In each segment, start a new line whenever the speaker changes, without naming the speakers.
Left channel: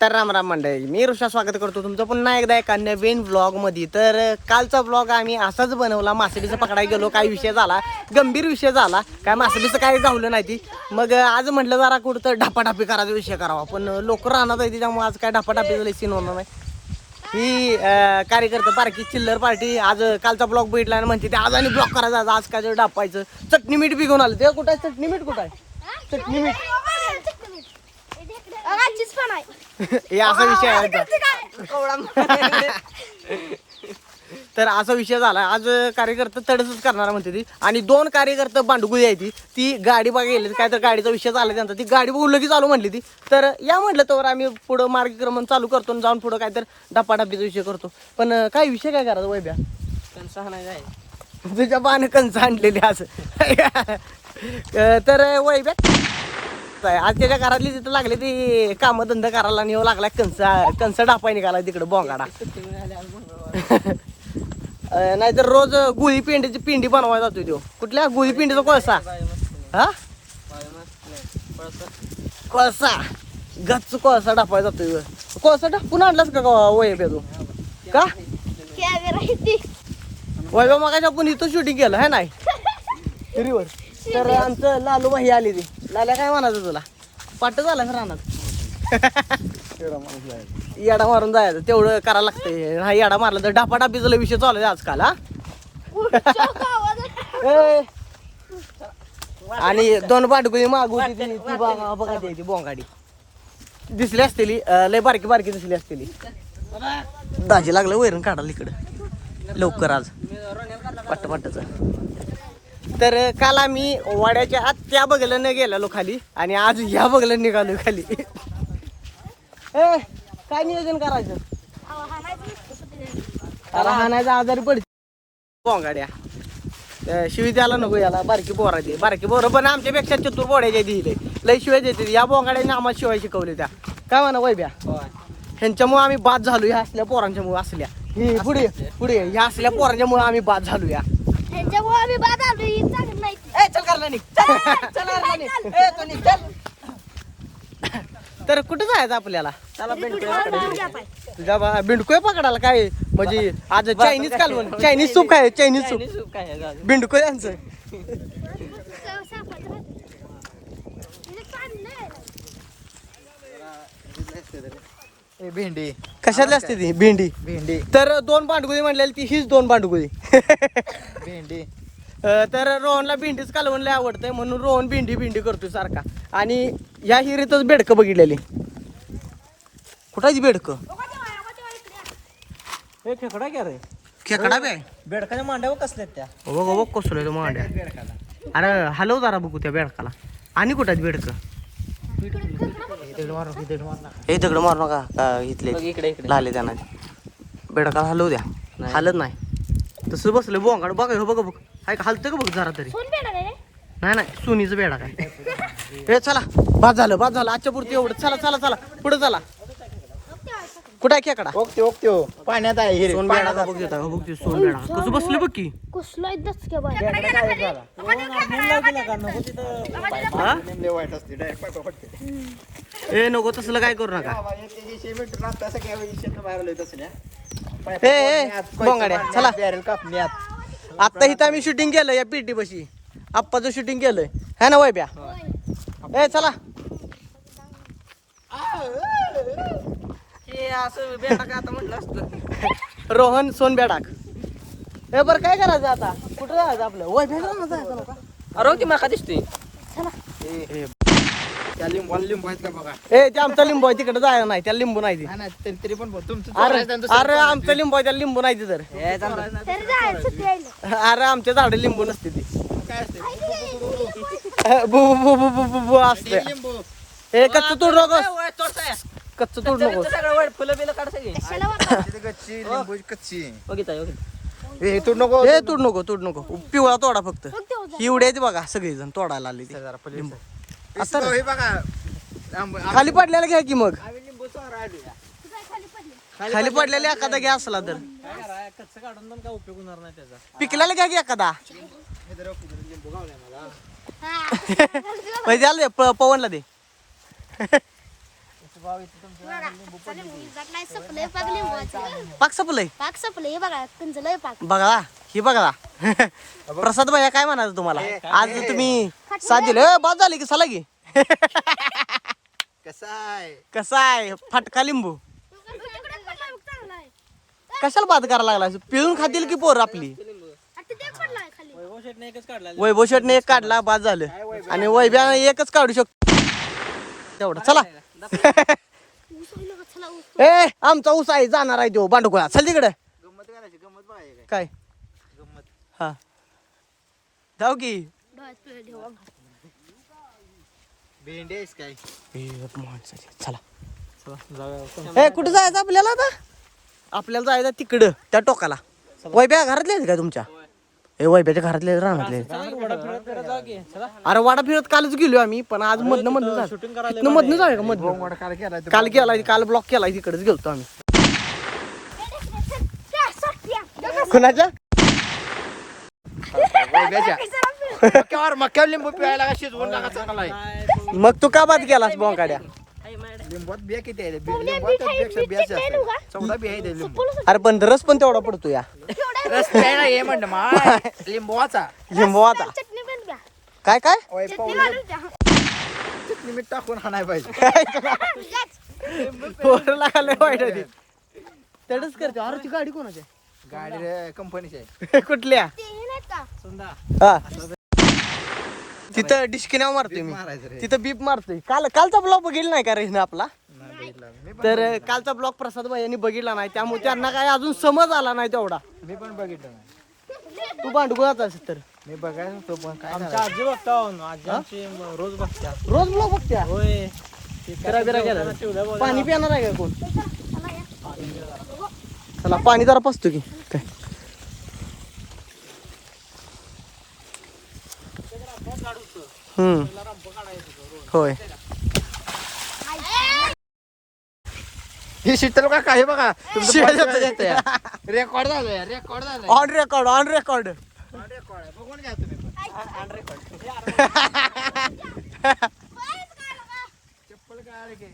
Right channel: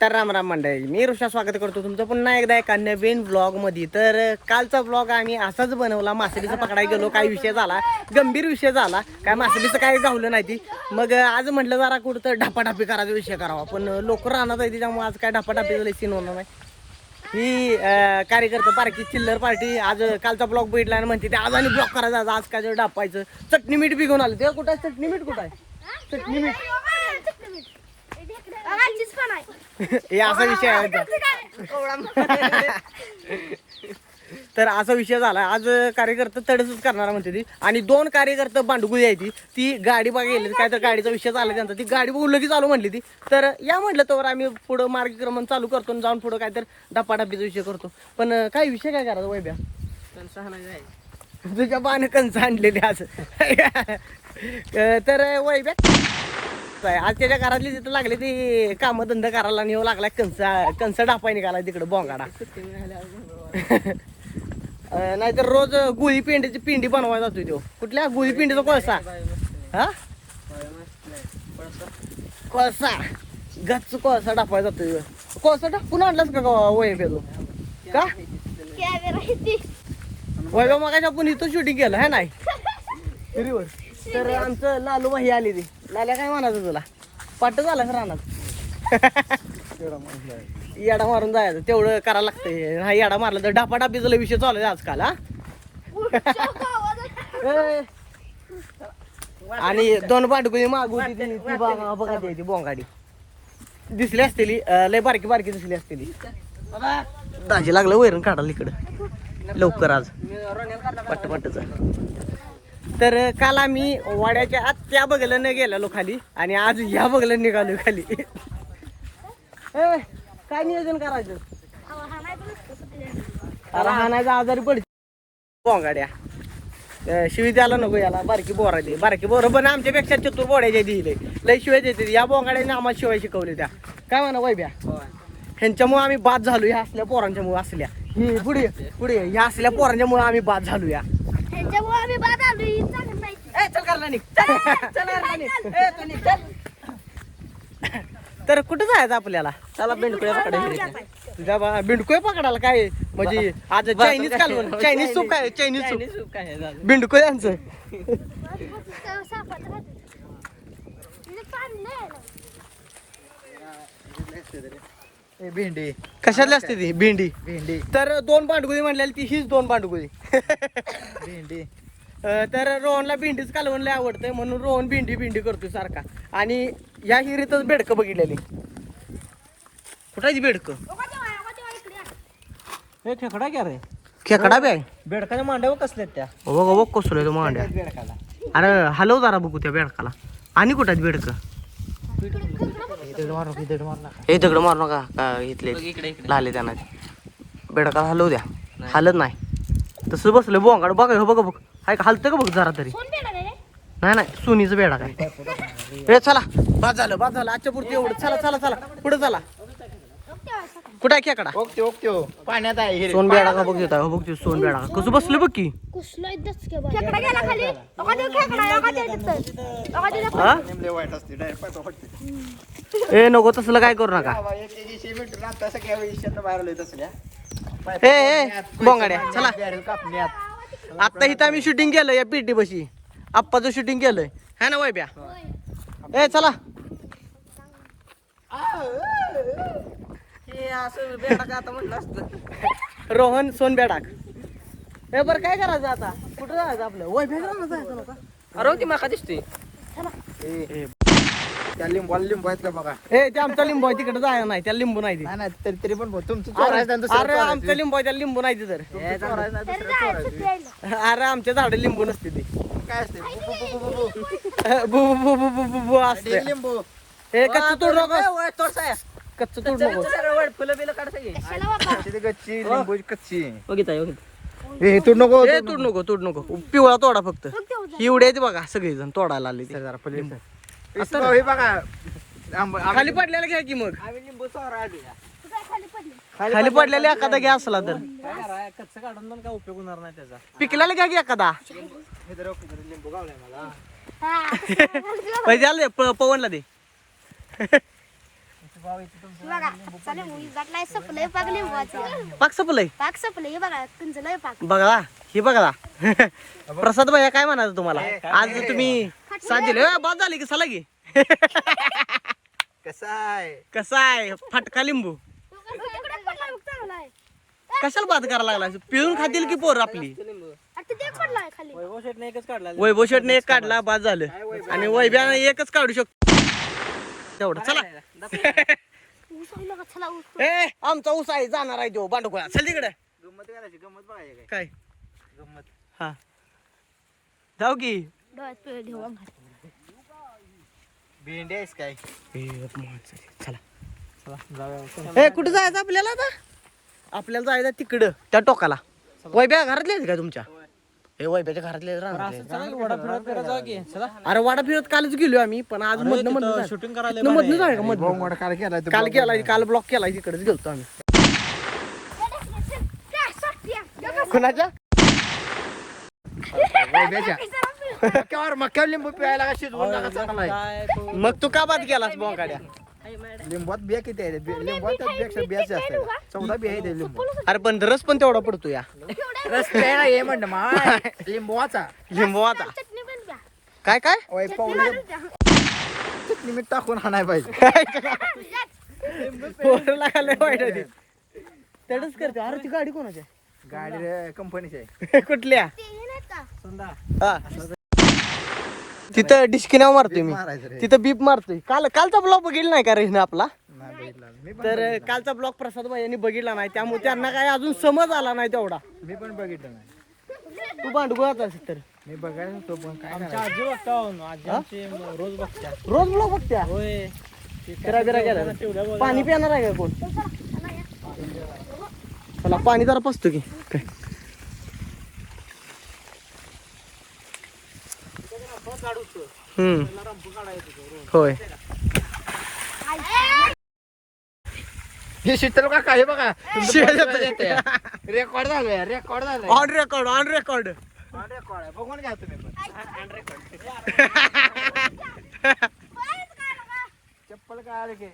तर राम राम मंडळी मी ऋषा स्वागत करतो तुमचं पुन्हा एकदा एका नवीन ब्लॉगमध्ये तर कालचा ब्लॉग आम्ही असाच बनवला मासडीचा पकडायला गेलो काय विषय झाला गंभीर विषय झाला काय मासडीचं काही गावलं नाही ती. मग आज म्हटलं जरा कुठं ढापाढापी करायचा विषय करावा पण लोक राहणार आहे त्याच्यामुळे आज काय ढापाढापीचा सीन होणार नाही. ही कार्यकर्ते बारकी चिल्लर पार्टी आज कालचा ब्लॉग बघितला आणि म्हणते ते आज आणि ब्लॉग करायचा आज- आज काय डापायचं चटणी मीठ बी घेऊन आलं. ते कुठं आहे? चटणी मीठ कुठं आहे चटणी मीठ. हे असा विषय आहे. तर असा विषय झाला. आज कार्यकर्ते तडसच करणार म्हणते ती. आणि दोन कार्यकर्ते बांडगुळी आहे ती. ती गाडी बघा गेली काय तर गाडीचा विषय झाला त्यांचा. ती गाडी बघून लगेच चालू म्हणली ती. तर या म्हटलं तर आम्ही पुढं मार्गक्रमण चालू करतो आणि जाऊन पुढं काय तर डपाडपीचा विषय करतो. पण काय विषय काय करायचा वैद्या तुझ्या बाण कंस आणलेली आज अं, तर वैद्या आज त्याच्या घरातली तिथं लागले ती कामं धंदा करायला नेऊ लागला कंस कंस डापाय निघाला तिकडे बोंगाडा. नाहीतर रोज गुळी पिंडीची पिंडी बनवायला जातो तो. कुठल्या? गुळी पिंडीचा कोळसा. हा? कोळसा. गच्च कोळसा डापायला जातोय ह्यो. कोळसा टाकून आणलास का वय तू? का? वय मग आपण इथं शूटिंग केलं है नाही? तर आमचं लालू भाई आली ती. लाल्या काय म्हणायचं तुला? पाट झाला रानात? येडा मारून जायचं तेवढं करायला लागतंय. हा येडा मारला तर डापा डापीचा विषय चालू आहे आजकाल हा. आणि दोन बाटगुळी मागू होती ती ती बघा बघा बोंगाडी. दिसली असतेली लय बारकी बारकी दिसली असतेली. दाजी लागलं वैरण काढाल इकडं. लवकर आज. पट्ट पट्टच तर काल आम्ही वाड्याच्या आत त्या बगल्यानं गेलेलो खाली आणि आज ह्या बगल्यानं निघालो खाली. ए, काय नियोजन करायचं? अरे हाणायचा आजारी पड बोंगाड्या अं, शिवी द्यायला नको याला बारकी बोरा दे बारकी बोरं पण आमच्यापेक्षा चतुर बोड्याच्या दिले लय शिवाय देते या बोंगाड्याने आम्हाला शिवाय शिकवले त्या. काय म्हणा वैभ्या? ह्यांच्यामुळे आम्ही बाद झालो ह्या असल्या पोरांच्यामुळे असल्या. ही पुढे पुढे ह्या असल्या पोरांच्यामुळे आम्ही बाद झालो या. ए, चल तर कुठं जायचं आपल्याला? चला तुझ्या बा बिंडकोय पकडायला काय? म्हणजे आज चायनीज कालवण चायनीज सूप काय चायनीज सूप बिंडकोय यांचं
भेंडी.
कशातली असते ती? भेंडी.
भेंडी.
तर दोन बांडगुळी म्हणलेली ती हीच दोन बांडगुळी
भेंडी.
तर रोहनला भेंडीच कालवण लय आवडतंय म्हणून रोहन भेंडी भेंडी करतो सारखा. आणि या हिरीतच बेडकं बघितलेली. कुठाची बेडकं
खेकडा घ्या रे.
खेकडा बॅग
बेडकाने मांडव कसले त्या?
बघ बघ कसलं तो मांड्या. अरे हलव जरा बघू त्या बेडकाला आणि बेडकं
मार दीड मार
हे दगड मारू नका का
इकडे
लाले त्यांना. बेडकाला हलवू द्या. हालत नाही. तसं बसलं बोंगाड बघा हे बघ बघ. हाय का हलतं का बघ जरा तरी? नाही नाही सोनीचं बेडा काय. हे चला बाद झालं बाद झालं आजच्या पुरती एवढं. चला चला चला पुढे चला. कुठं आहे खेकडा?
ओके ओके ओ पाण्यात आहे हिरे.
सोन बेडा का बघ देता बघ ते सोन बेडा कसं बसलं बघ की? हा?
निमले वाईट असते डायरेक्ट
ए नको तसलं काय करू नका.
बाहेर
ए ए बोंगाड्या चला.
कापण्यात.
आता इथं आम्ही शूटिंग केलं या पेटी बशी आप्पाचं शूटिंग केलंय. है ना वैब्या ए चला. रोहन सोन बेडाक. ए बरं काय करायचं आता? कुठं जायचं आपलं? वैभ्या जायचं नका.
अरे ती माका दिसते. त्या लिंबू लिंबू आहेत का बघा?
ए ते आमचा लिंबू आहे तिकडे जायला नाही त्याला लिंबू नाही
तरी तरी पण. तुमचं
अरे आमचं लिंबू आहे त्याला लिंबू नाही ते तर. अरे आमच्या झाडे लिंबू नसते ती.
काय असते? बु- बु- बु- बु- बु- बु.
बु बु बु बु बु बु असते.
लिंबू.
हे कच्चं तोड नको. कच्चं तोड नको.
कच्ची कच्ची लिंबू कच्ची. हे तू नको.
हे तोड नको तोड नको. पिवळा तोडा फक्त. एवढे बघा सगळेजण तोडायला आले ते.
लिंबू.
आता
हे बघा. आंब-
खाली पडलेला घ्या की मग.
आम्ही लिंबू.
खाली पडलेला एखादा घ्या असला तर.
कच्चं काढून पण काय उपयोग होणार नाही त्याचा.
पिकलेला घ्या की एखादा.
हे जरा ओके, जरा लिंबू गावलाय मला.
पैसे आले दे प- पवनला दे.
सपलंय पाक लिंबवाचं
पाक सपलंय?
पाक सपलंय हे बघा पिंजलंय पाक.
बघा हे बघा. प्रसाद भैया काय म्हणायचं तुम्हाला? आज तुम्ही ए, बाद झाली की चला की.
कसा आहे?
कसा आहे? फटका लिंबू. कशाला बाद करायला लागला पिळून खातील की पोर आपली? वैभव शेटने एक काढला बाद झालं. आणि वैभ्यानं एकच काढू शकतो. तेवढं चला. ए आमचा ऊस आहे जाणार आहे तो बांडुकुळा चल तिकडे.
गंमत करायची गंमत बघायची काय?
काय?
गंमत.
हा. जाऊ की.
डोळ्यात पिळं ठेवू.
भेंडी आहेस काय?
चला. ए कुठे जायचं आपल्याला आता? आपल्याला जायचं तिकडे त्या टोकाला. वैब्या घरातले आहेत का तुमच्या? ए वैब्याच्या घरातले राहणारले अरे वाडा फिरत कालच गेलो आम्ही पण आज मधनं मधनं इथनं मधनं जाय का मधनं?
केला
काल केला काल ब्लॉक केला तिकडेच गेलतो आम्ही. कुणाच्या?
मक्यावर मक्यावर लिंबू पिळायला का शिजवून लागा चांगला आहे.
मग तू का बाद केलास बोंगाड्या?
लिंबात बिया किती आहे बि- लिंबात त्यापेक्षा बिया जास्त आहे चौदा बिया आहे लिंबू
अरे पण रस पण तेवढा पडतो या.
रस प्यायला ये म्हणलं मा
चटणी पण द्या.
काय? काय
चटणी द्या.
मीठ टाकून हाणाय पाहिजे.
पोरला लय वाईट ते. तेवढंच करते. अरे ती गाडी कोणाची आहे?
गाडी कंपनीची आहे.
कुठल्या?
ते हे. का?
हा तिथं डिस्किनाव मारतोय मी.
मारायचं रे.
तिथं बीप मारतोय. काल कालचा ब्लॉग बघितला नाही का रेशने आपला?
नाही बघितला. मी पण
तर कालचा ब्लॉग प्रसाद भाई यांनी बघितला नाही. त्यामुळे त्यांना काय अजून समज आला नाही तेवढा.
मी पण बघितलं नाही.
तू भांडगुळात असेल तर.
मी बघायला होतो पण काय आजी बघता रोज बघता
रोज ब्लॉग बघत्या? फिरा बिरा गेला पाणी पिणार आहे का कोण? चला पाणी जरा पसतो की. काय? हम्म. होय.
हे शीतल का काय बघा. रेकॉर्ड झालंय रेकॉर्ड झालंय.
ऑन रेकॉर्ड ऑन रेकॉर्ड
बघून घ्या तुम्ही पण. चप्पल काय आले की.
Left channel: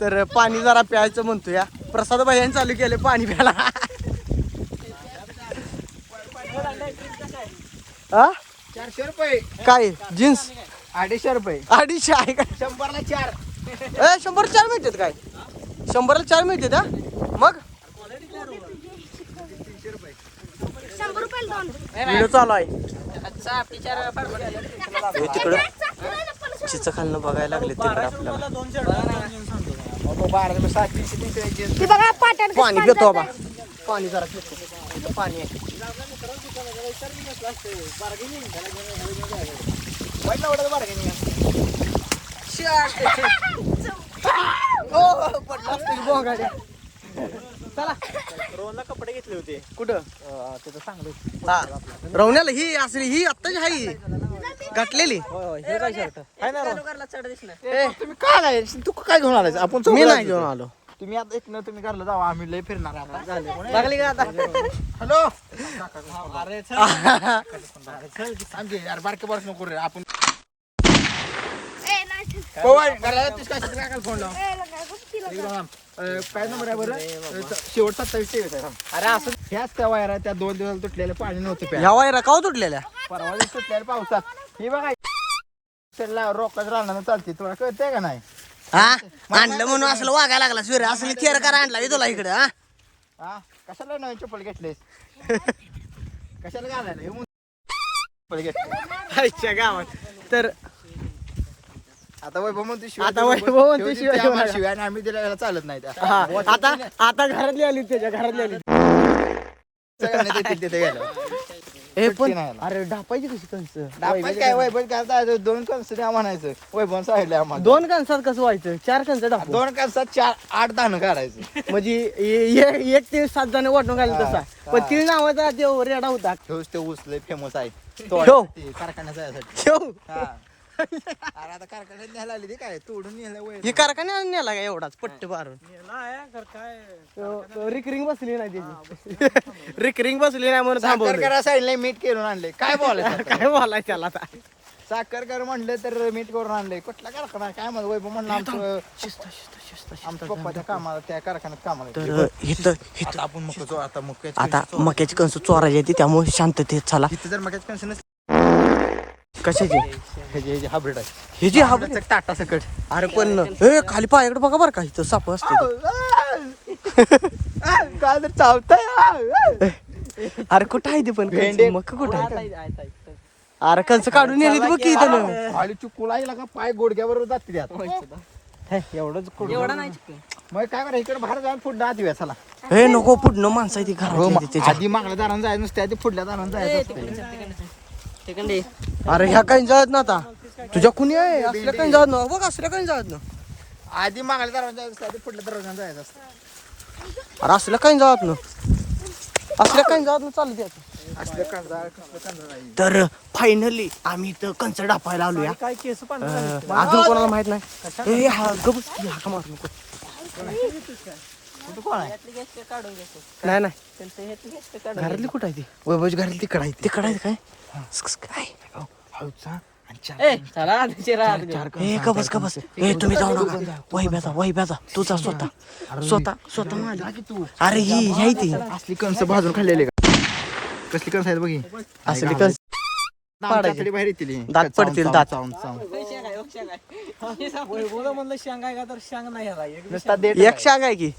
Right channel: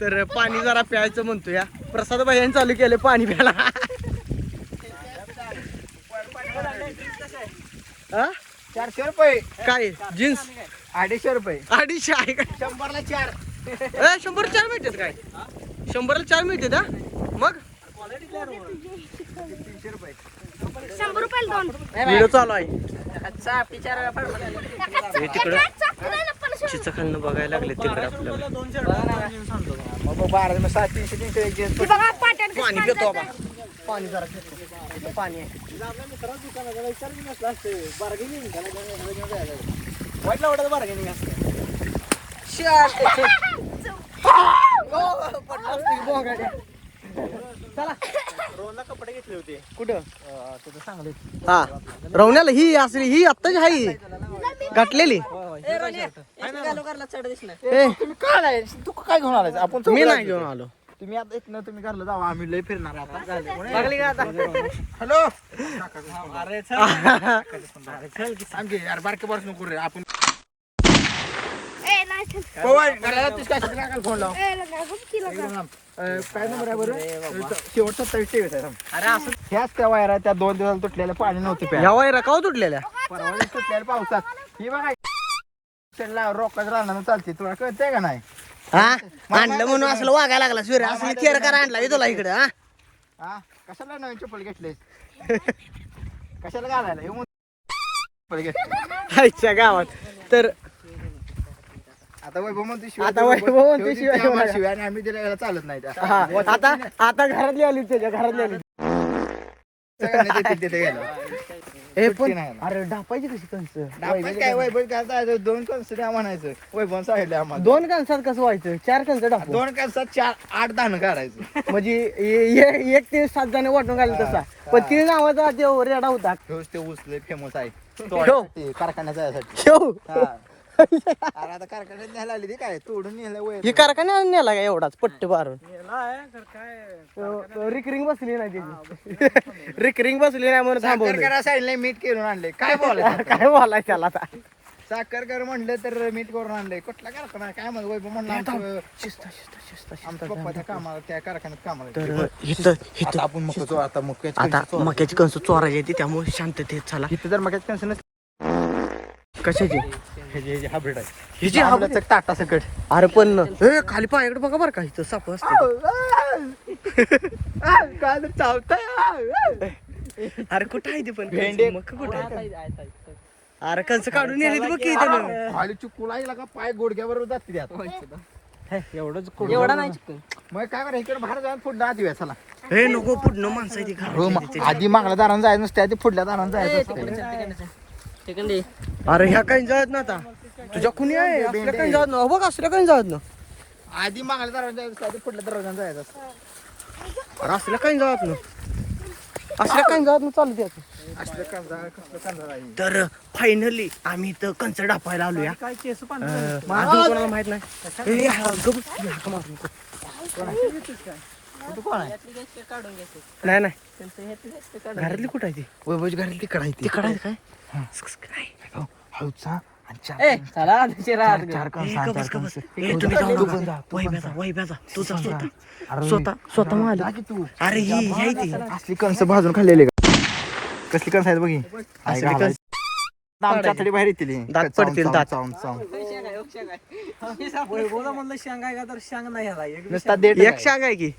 तर पाणी जरा प्यायचं म्हणतो या प्रसाद भाईयांनी चालू केले पाणी प्यायला. हा?
रुपये.
काय? जीन्स?
अडीचशे रुपये.
अडीचशे आहे का?
शंभरला चार.
ए शंभर चार मिळतात काय? शंभरला चार मिळतात हा? मग. व्हिडिओ चालू आहे. हे तिकडं. चिच खालनं बघायला लागले तिकडं आपल्याला. पाणी पितो बाबा पाणी जरा पितो इथं पाणी आहे. ओ, पडला असतील बोंगाड्या. चला
कपडे घेतले होते
कुठं
तिथं चांगले
हा रवण्याला ही असली ही आत्ताची हाई घातलेली
तुम्ही काय नाही? तू काय घेऊन आलाय आपण
मी नाही घेऊन आलो.
तुम्ही आता इथनं तुम्ही घरला जावा आम्ही लय फिरणार आहे आता. हॅलो? अरे सांगे यार बारके बरस नको रे आपण. पवार तीस काय फोन लाव. एकदम नंबर आहे बरं? आहे अरे असं ह्याच त्या वायरा त्या दोन दिवसाला तुटलेल्या पाणी नव्हती.
ह्या वायरा काव तुटलेल्या?
परवा तुटलेल्या पावसात. ही बघा रोकाच राहणार चालते तुला कळतंय का नाही?
हा? आणलं म्हणून असलं वागायला लागला. सूर्य असं थेर करा आणला. तुला इकडं हा?
हा? कशाला नवीन चप्पल घेतलेस? कशाला घालायला? हे म्हणून चप्पल घेतली.
आजच्या गावात. तर
आता वैभव म्हणतो शिवाय
आता वैभव म्हणतो शिवाय
आणि आम्ही दिला चालत नाही त्या.
हा आता आता घरातली आली त्याच्या घरातली आली
सगळ्यांना देतील तिथे गेल्यावर.
हे पण. अरे ढापायची कशी कंस?
वैभव काय वैभव दोन कणस द्या म्हणायचं वैभव सांगितलं आम्हाला.
दोन कणसात कसं व्हायचं? चार कणस टाकू
दोन कणसात चार आठ दाणं काढायचं.
म्हणजे ए- ए- एक ते सात जण वाटून घालून तसा. पण तीन नावाचा ते रेडा होता.
ते ऊस फेमस आहे.
ठेव.
ते कारखान्यात जायसाठी.
ठेव.
हा.
ही कारखान्यात नेला का एवढाच? पट्ट मारून. रिकरिंग बसली नाही त्याची. रिकरिंग बसली नाही म्हणून थांबवलं.
साईडला मीठ केलं आणले काय बोलायचं
काय बोलाय त्याला आता?
साखर कर म्हणलं तर मीठ करून आणलंय. कुठला कारखाना? काय म्हणलं? वैभव म्हणलं आमचं
शिस्त शिस्त शिस्त
आमच्या पप्पाच्या कामाला त्या कारखान्यात कामाला.
तर इथं इथं
आपण मग आता
मक्याची कणसं चोरायची आहे ती त्यामुळे शांततेत चला.
इथं जर मग कन्शन
कशाची?
हायब्रिड आहे.
ही जी हा
टाटा सकट.
अरे पण ए खाली पायाकडे बघा बरं का इथं साप असते
काय तर चावतंय
अरे कुठं आहे ते पण? मका कुठं आहे? अरे कंस काढून नेली बघ की त्यानं
का पाय गोडग्याबरोबर जाते त्यात एवढंच
एवढा नाही
मग काय करा इकडे बाहेर जाऊन पुढे येऊया चला.
हे नको पुढनं माणसं आहे ती
हो,
घराची
मग
आहे ती त्याच्या.
आधी मागल्या दारानं जायचं नसते आधी पुढल्या दारानं जायचं. असतं.
अरे ह्या काही जात ना आता. तुझ्या कुणी आहे? असल्या काही जात ना. बघ असल्या काही जात ना.
आधी मागल्या दारानं जायचं असतं आधी पुढल्या दारानं जायचं असतं.
अरे असल्या काही जात ना. असल्या काही जात ना चालू द्यायचं
असले कंजाळ कसलं कंजाळ आहे
तर फायनली आम्ही इथं कंच डापायला आलो या
काय केस पण
अजून कोणाला माहीत नाही? ए, हा गप हाका मारू नको.
कुठं कोण आहे?
काढून घेतो.
नाही नाही.
हे
घरातली कुठं आहे ती?
वैभवची घरात तिकडे आहे ती.
तिकडं आहे काय? काय?
हळूचा
तुम्ही जाऊ नका. वैब्याचा वैब्याचा तुझा स्वतः. स्वतः स्वतः माल अरे ही ही ती
असली कणसं भाजून खाल्लेली का? कसली कणसं आहेत बघी?
असली
दात बाहेर येतील
दात पडतील, दात.
चावून चावून
शांग आहे का तर शांग नाही एक
शाग आहे की?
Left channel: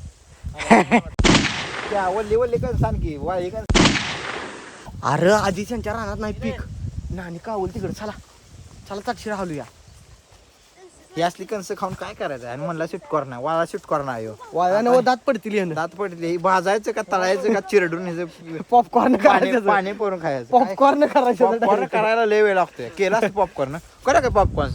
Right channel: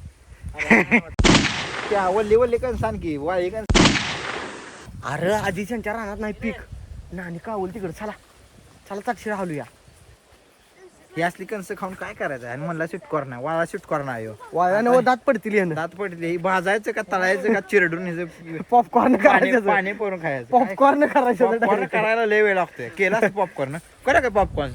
आहे. वल्ली वाळी कणसं
अरे आधी त्यांच्या रानात नाही पीक. नानी कावल तिकडे. चला. चला तक्षी राहूया
ही असली कणसं खाऊन काय करायचं? आणि म्हणला सुटकोर नाही वाळा सुटकोर नाही ह्यो.
वाळ्यानं व दात पडतील यानं.
दात पडले ही भाजायचं का तळायचं का चिरडून ह्याचं
पॉपकॉर्न करायचं.
पाणी परून खायचं?
पॉपकॉर्न करायचं.
पॉपकॉर्न. करायला लय वेळ लागतोय. केला पॉपकॉर्न करा काय पॉपकॉर्न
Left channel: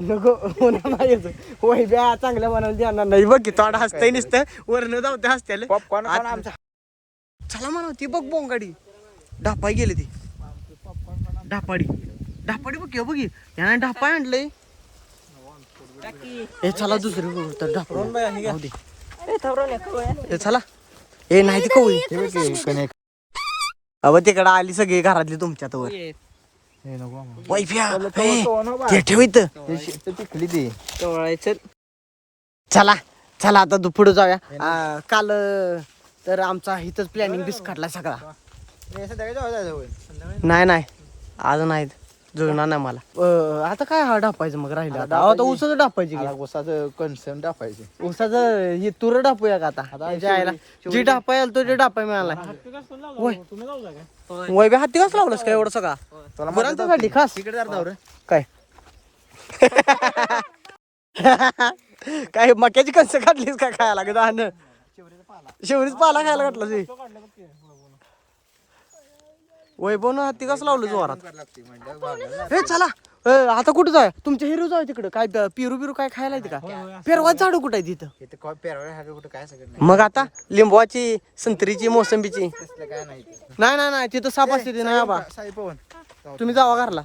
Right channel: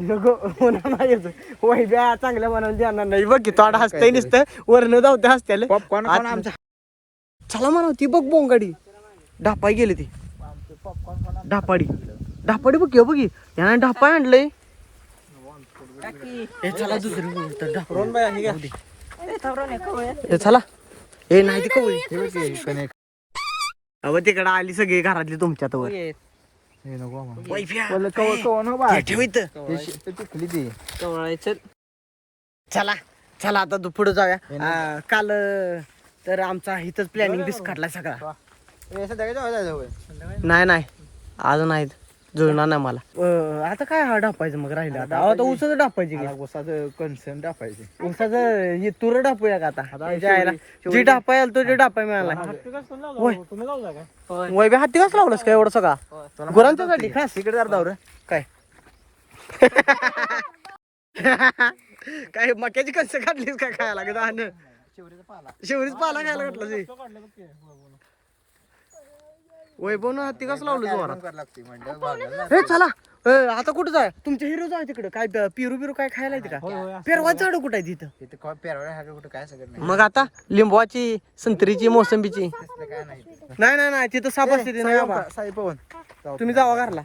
नको होणार नाही याचं. वैब्या चांगल्या मनाला देणार नाही. बघ की तोडा हसतंय नुसतं वरनं जाऊ हसत्याला.
पॉपकॉर्न
आत- चला म्हणा ती बघ बोंगाडी. ढापाय गेली ती. ढापाडी. ढापाडी बघ की, बघ. यानं ढापाय आणलंय. ए चला दुसरी बघू तर ढापा. चला. ए नाही ती कवळी. अव तिकडं आली सगळी घरातली वैफ्या ए, ते
ती
चला. चला आता तू पुढे जाऊया. आ, काल अं, तर आमचा इथंच प्लॅनिंग डिस्काटला सगळा. नाही नाही. अजून नाहीत जुळणार नाही मला. अं, आता काय हा डापायचं मग राहिलं आता? आता ऊसाचं डापायची की?
उसाचं कन्सर्न टाकायचे
ऊसाचं हे तुर डापूया का आता? त्याच्या आईला. जी तो जे डापाय मिळाला. होय. वय बे हाती कस लावलंस काय एवढं सगळा? गुरांच्यासाठी खास.
तिकडे जर दावर.
काय? काय मक्याची कणसं काढलीस का खायला? लागत शेवरीच पाला. खायला घातला जी वैभव ना हत्ती कसं लावलं जोरात?
लागते म्हणलं वागायला
हे चला. ए, आता कुठं जाय? तुमच्या हिरो जाय तिकडं. काय द- पिरू बिरू काय खायला येते का? पेरवाच झाडू कुठं आहे तिथं?
हा कुठं काय सगळं
मग आता लिंबवाची संत्रीची मोसंबीची.
तसलं काय नाही
नाही नाही नाही तिथं साप असते ते नाही बा.
साई पवन
तुम्ही जावा घरला.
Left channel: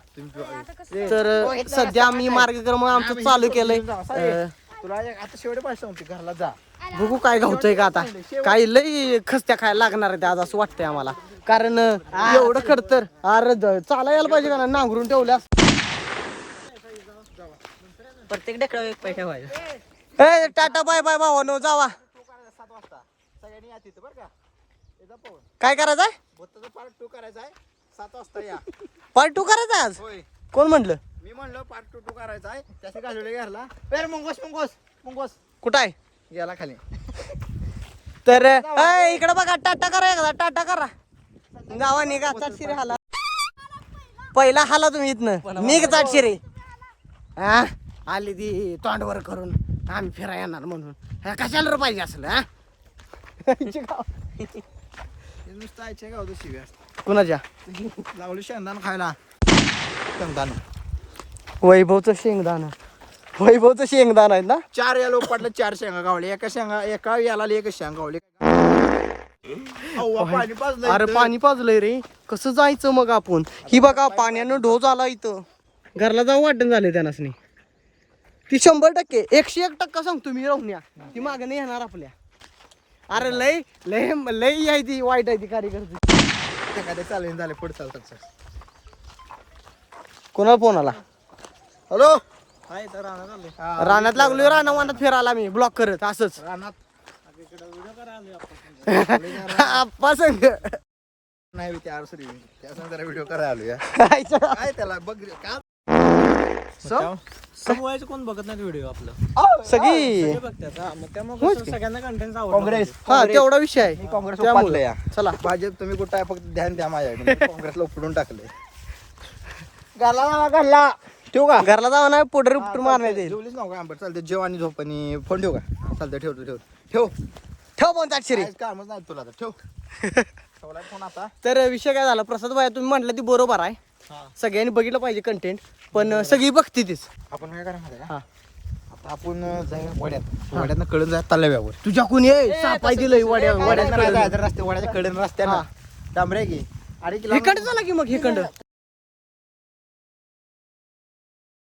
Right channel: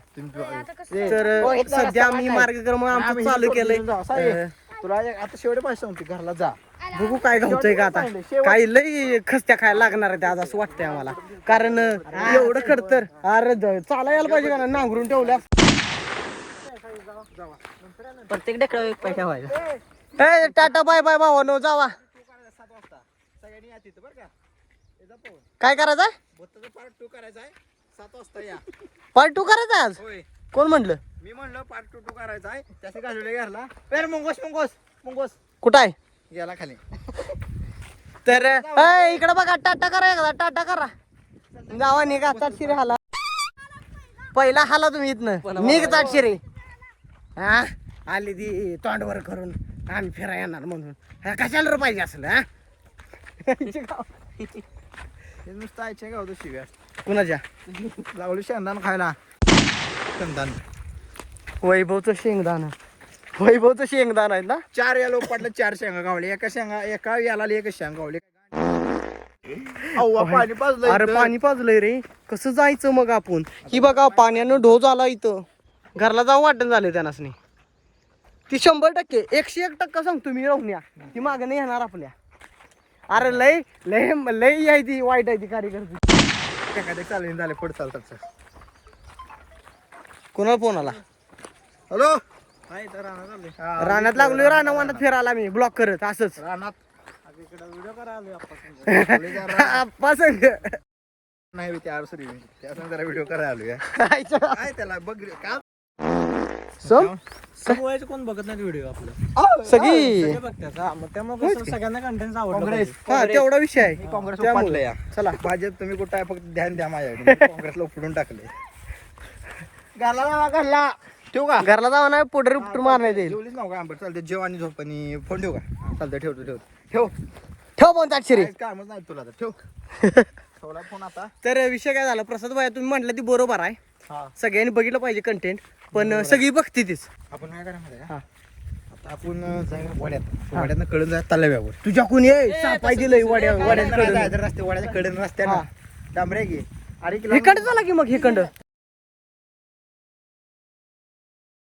तर अ, सध्या आम्ही मार्गक्रमण आमचं चालू केलंय. अ,
तुला आता शेवटे पैसे म्हणते घरला जा.
बघू काय गावतंय का आता. काही लई खस्त्या खायला लागणार आहे आज असं वाटतंय आम्हाला. कारण एवढं खर तर. अरे द- चालायला पाहिजे का ना नांगरून ठेवल्या
प्रत्येक
टाटा बाय बाय भावानो जावा
सात वाजता सगळ्यांनी या तिथं बरं का येजा पवन
काय करायचंय?
बोत्ताचा पार्ट टू करायचा आहे सात वाजता या
पार्ट टू करायचा आज?
होय.
कोण म्हणलं
मी म्हणलं पार्ट टू टू करायचा आहे घरला अरे मुंगोस मुंगोस मुंगोस.
कुठं आहे?
गेला खाली.
तर ए, इकडे बघा टाटा करा एकदा टाटा करा. गावा निघा चाटशिरे हाला. पहिला हाला तुम्ही इथनं. निघ चाटशिरे हा आली ती तोंडवर करून आम्ही फिरा येणार म्हणून. हा, कशाला रे पाहिजे असलं हा?
नुसतं आयच्या गावचं शिव्या
कुणाच्या?
लावली शेंगदाण खायला. शेंगदाण.
वैभवचं शेंगदाण. वैभवचं शेंगदाण आहे ना?
चार या लोक पडलं चार शेंगा गावले. एका शेंगा एका याला एक शेंगा गावले. पाणी पाजलं
अरे. पाणी पाजलंय रे. कसं जायचं मग आपण? ही बघा पाण्यानं ढोज आला इथं. घरला जाऊ वाटण झालंय त्यांनासनी. ती शंभर टक्के एकशे एक टक्का सांगतो मी राहून ती मागं नाही येणार आपल्या. अरे लय लय लय आहे ती वाईट आहे ती कार्यकर्ती.
चालेल झाले पुढे चालतात
कोणाला फोन आला?
हॅलो?
रानात लागलोय राणा वानात फिरायला मी. ब्लॉक करत असंच.
रानात
आप्पा संग.
नाही त्या त्या जरा व्हिडिओ करायला आलो या
खायचं.
काय त्याला? बघ रे, का?
सो?
समोरचं कोण बघत नाही व्हिडिओ आपलं?
सगळी.
सगळे बघतात हा, मग त्यामुळे कसं सगळ्यांना कंटेंट
काँग्रेस.
हा तेवढा विषय आहे.
काँग्रेस
त्यामुळे. चला.
भाजप तुम्ही कुठं आहे फक्त ध्यान द्या माझ्याकडे. काँग्रेसला उपडून टाकले घाला घाला ठेवू का?
घरला जाऊ ना पोटर उपटून मारण्यात येईल.
जेवलीच आंबट चालते जेव आणि झोप आणि फोन ठेवू का? चालतं ठेवतो ठेव. ठेव.
ठेव पण ताटशिरी
कामच नाही तुला आता ठेव. ठेवला फोन आता.
तर विषय काय झाला प्रसाद भाई तुम्ही म्हटलं ती बरोबर आहे.
हा.
सगळ्यांनी बघितलं पाहिजे कंटेंट पण सगळी बघते तीच.
आपण काय करा माहिती आहे
हा.
का आता आपण जाऊया वड्यात. वड्यातनं कळून जाय तलाव्यावर.
तुझ्या कोणी सापाय दिलंय वड्या वड्यात कडून
जायचं रस्ते वड्याच्या कडे डांबऱ्या अरे किलो
हिकंड झाला की मग हिकंड